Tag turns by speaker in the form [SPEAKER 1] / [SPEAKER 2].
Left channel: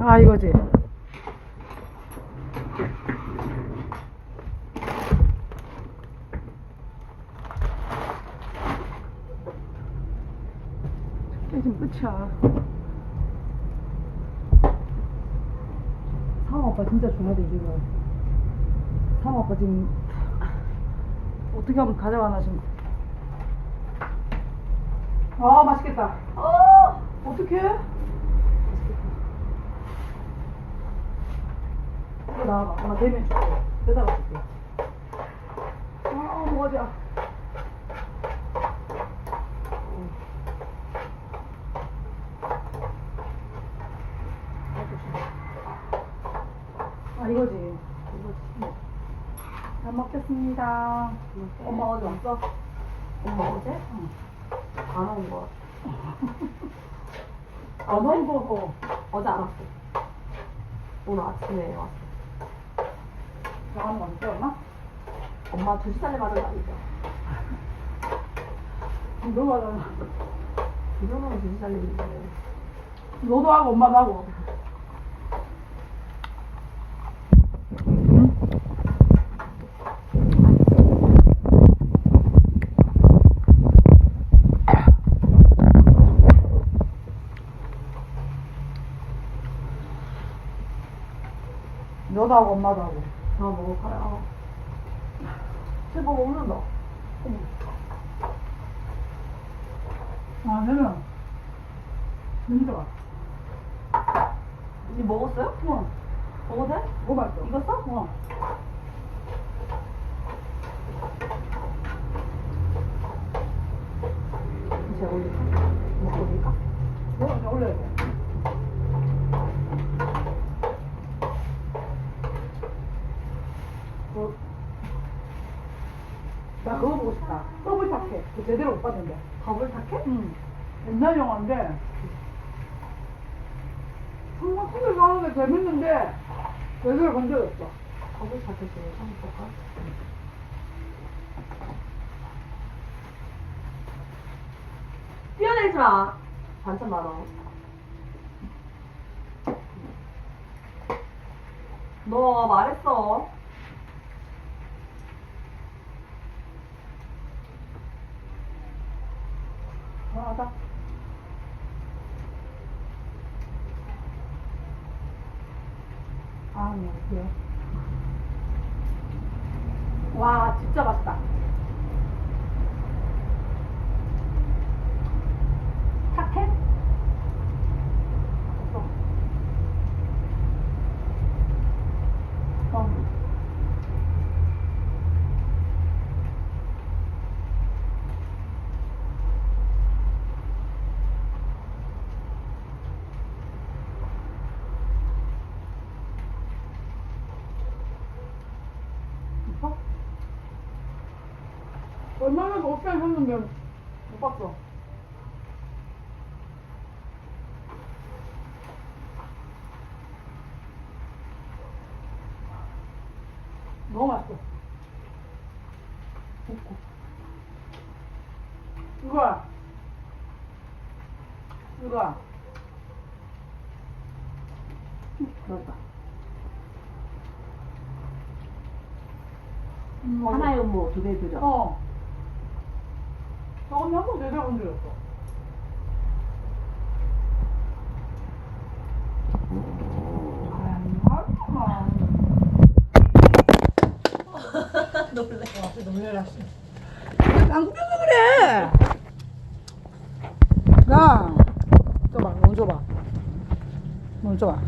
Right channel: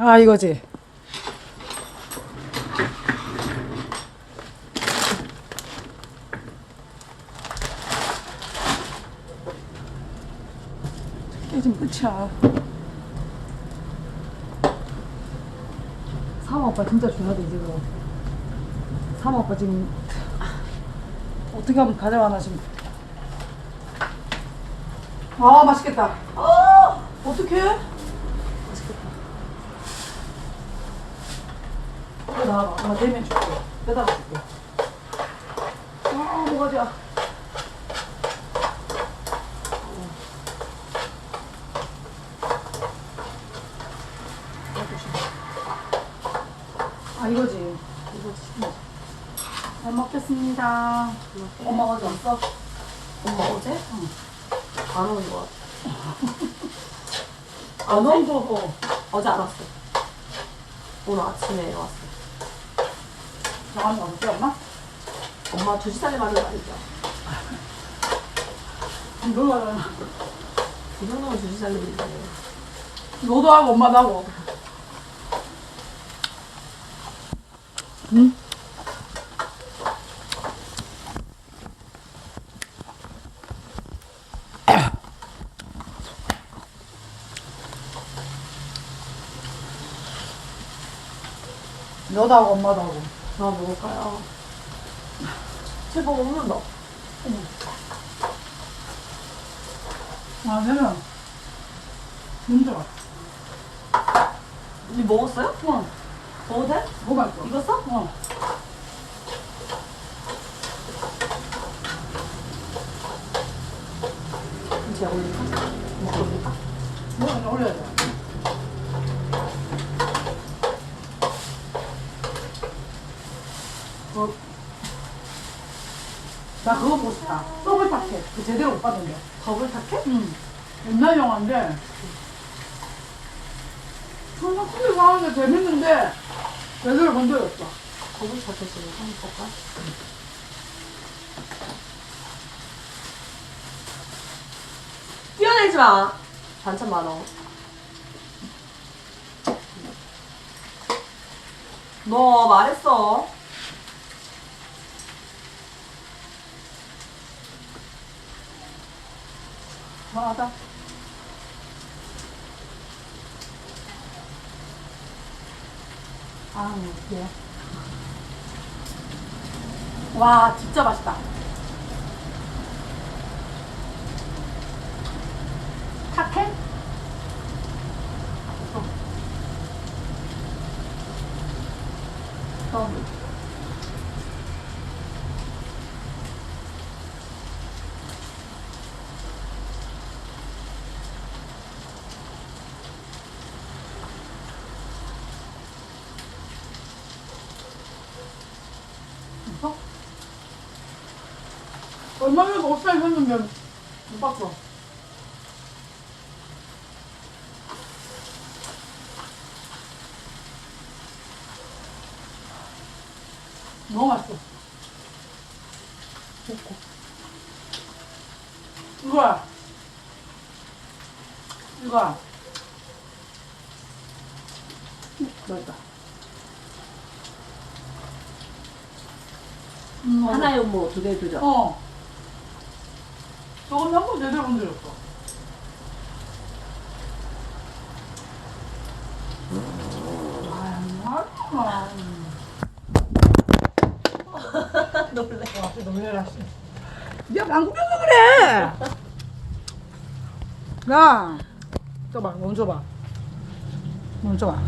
[SPEAKER 1] 아 이거지. 깨좀 끝이야. 사마 오빠 진짜 중요하다 이제 너. 사마 오빠 지금 어떻게 하면 가져가나 지금. 아 맛있겠다. 아 어떡해? 맛있겠다. 이거 나와봐. 엄마 내면 줄게. 매달아 줄게. 아 뭐가 자. 아 이거지. 이거지. 잘 먹겠습니다. 엄마 어디 왔어?
[SPEAKER 2] 엄마 어제? 안 오는 거 같아.
[SPEAKER 1] 아 너무 더워.
[SPEAKER 2] 어제 안 왔어. 오늘 아침에 왔어.
[SPEAKER 1] 잠깐만 어디 엄마?
[SPEAKER 2] 엄마 두시 살이 맞은 날이죠.
[SPEAKER 1] 놀러
[SPEAKER 2] 이 정도면 두시 살인데.
[SPEAKER 1] 너도 하고 엄마도 하고. 너도 하고 엄마도 하고.
[SPEAKER 2] 아, 먹을까요? 제발 먹는다.
[SPEAKER 1] 아 되면 진짜.
[SPEAKER 2] 니 먹었어요?
[SPEAKER 1] 어,
[SPEAKER 2] 먹어도 돼?
[SPEAKER 1] 뭐 맛있어?
[SPEAKER 2] 익었어?
[SPEAKER 1] 어.
[SPEAKER 2] 제가 올릴까? 먹어볼까?
[SPEAKER 1] 뭐 그냥 올려야 돼. 나 그거 보고 싶다. 더블 타켓. 그 제대로 못 봤는데.
[SPEAKER 2] 더블 타켓?
[SPEAKER 1] 응. 옛날 영화인데. 항상 컴퓨터 하는데 재밌는데 제대로 본 적이 없어.
[SPEAKER 2] 더블 타켓을 한번 볼까? 뛰어내지 마. 반찬 많아. 너 말했어.
[SPEAKER 1] 하다. 아, 예. 와, 진짜 맛있다. 타켓? 어. 어. 어? 얼마 전에 옷살 샀는데 못 봤어. 너무 맛있어. 좋고. 이거야. 이거야. 음, 맛있다. 음,
[SPEAKER 2] 하나에 뭐 두개 주죠.
[SPEAKER 1] 어. 저건 한번 제대로. 아,
[SPEAKER 2] 놀래.
[SPEAKER 1] 와, 놀래라, 씨. 이게 방구 껴서 그래! 야! 줘봐, 너무 줘봐. 너무 줘봐.